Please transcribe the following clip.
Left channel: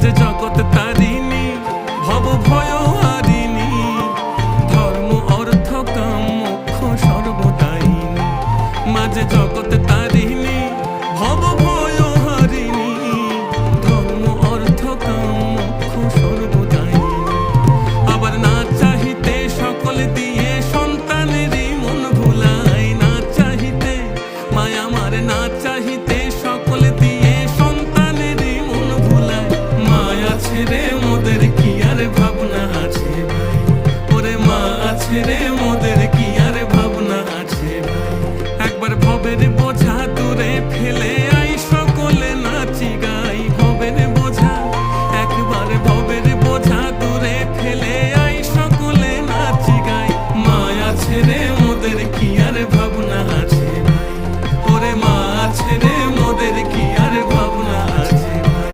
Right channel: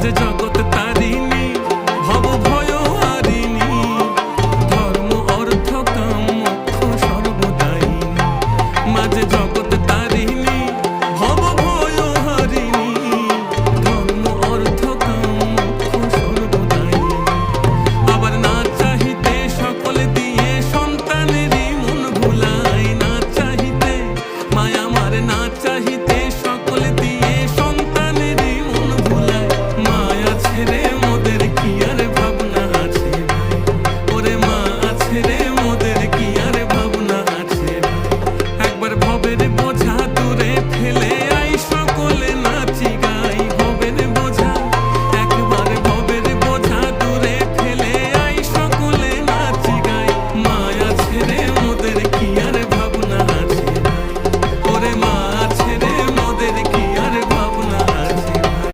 মাঝে জগৎ তারিণী ভব ভয় হারিণী, ধর্ম অর্থ কাম মোক্ষ সর্বদায়িনী। মাঝে জগৎ তারিণী ভব ভয় হারিণী, ধর্ম অর্থ কাম মোক্ষ সর্বদায়িনী। আবার না চাহিতে সকল দিয়ে সন্তানেরই মন ভুলায়, না চাহিতে মায়া আমার না চাহিতে সকল দিয়ে সন্তানেরই মন ভুলায়। মায়া ছেড়ে মোদের কি